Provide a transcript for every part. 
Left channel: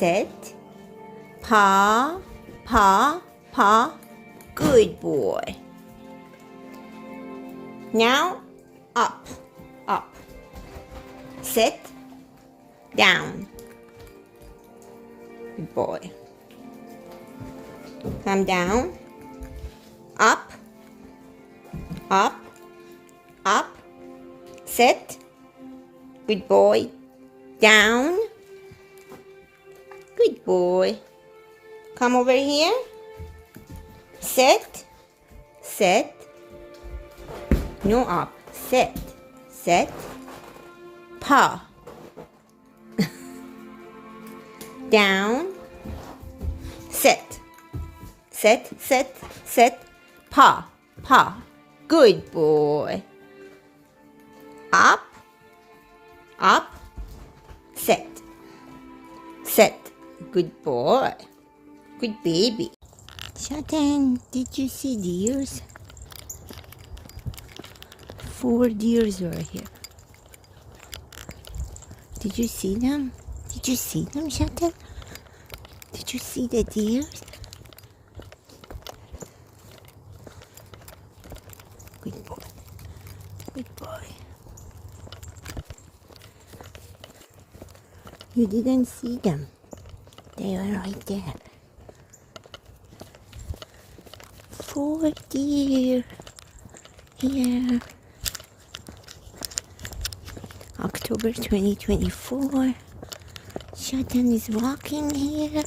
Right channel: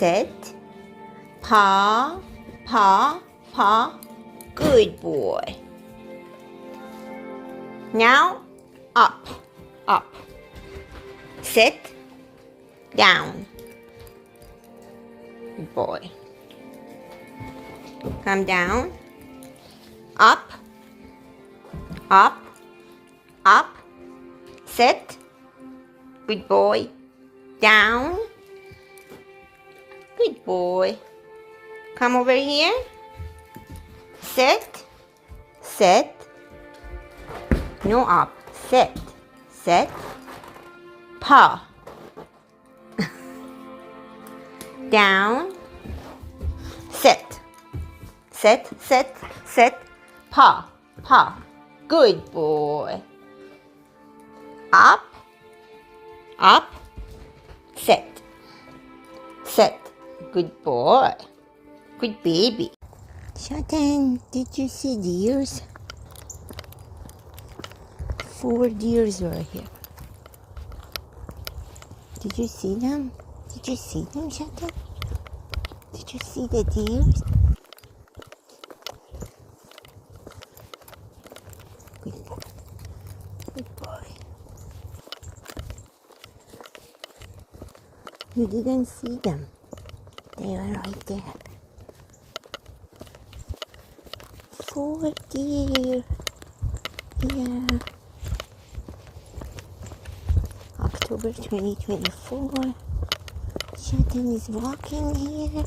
Sit. Paw, paw, paw. Good boy. Now, up, up. Sit. Down. Good boy. Come down. Up, up, up. Sit. Good boy. Down. Good boy. Come over here. Sit. Sit. No up. Sit. Sit. Paw. Down. Sit. Sit. Sit. Sit. Paw. Paw. Good boy. Up. Up. Sit. Sit. Good boy. Good baby. Shatten, did you see deers? 4 deers were here. Did you see them? Did you see them, Shatten? Did you see the deers? Good boy. Good boy. You didn't see them. They were right there. 4 deer here. October 2024. Shatten is walking here.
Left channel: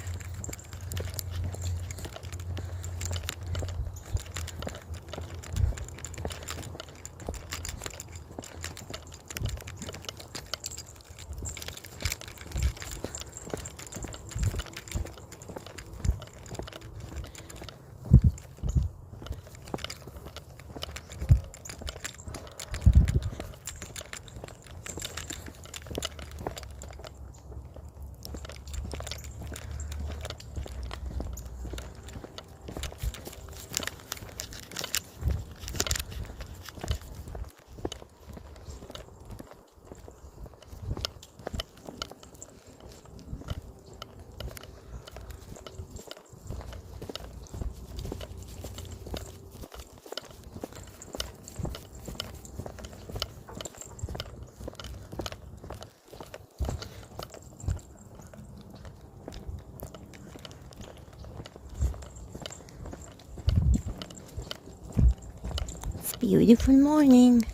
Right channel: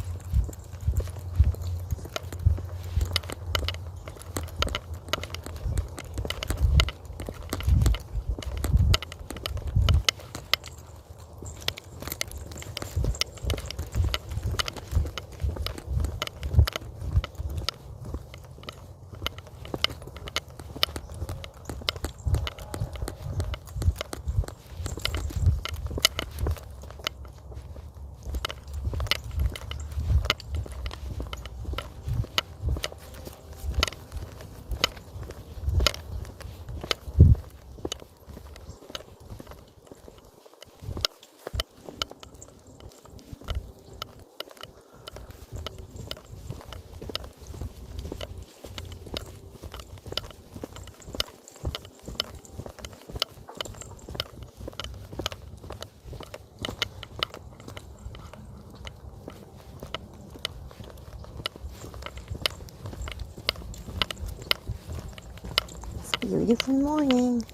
Beautiful morning.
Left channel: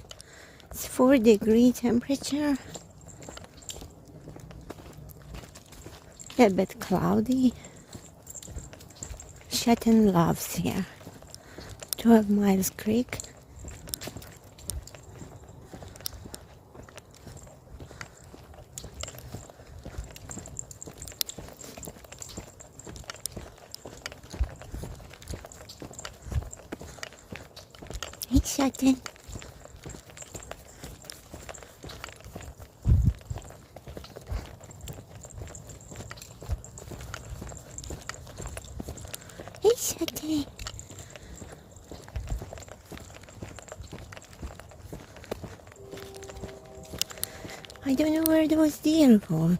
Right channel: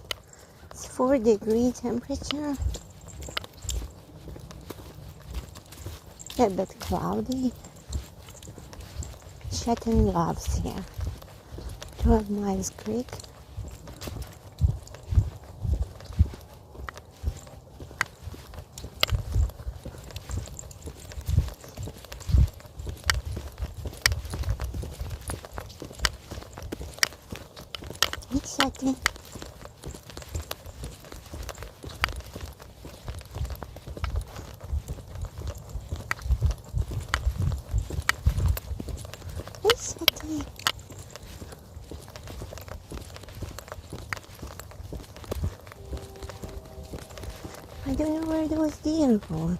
It's 4-degree temperature. A bit cloudy. Shatten loves here. 12 Miles Creek. Hey, Shatten. Hey, Shatten. I don't know where those deer go.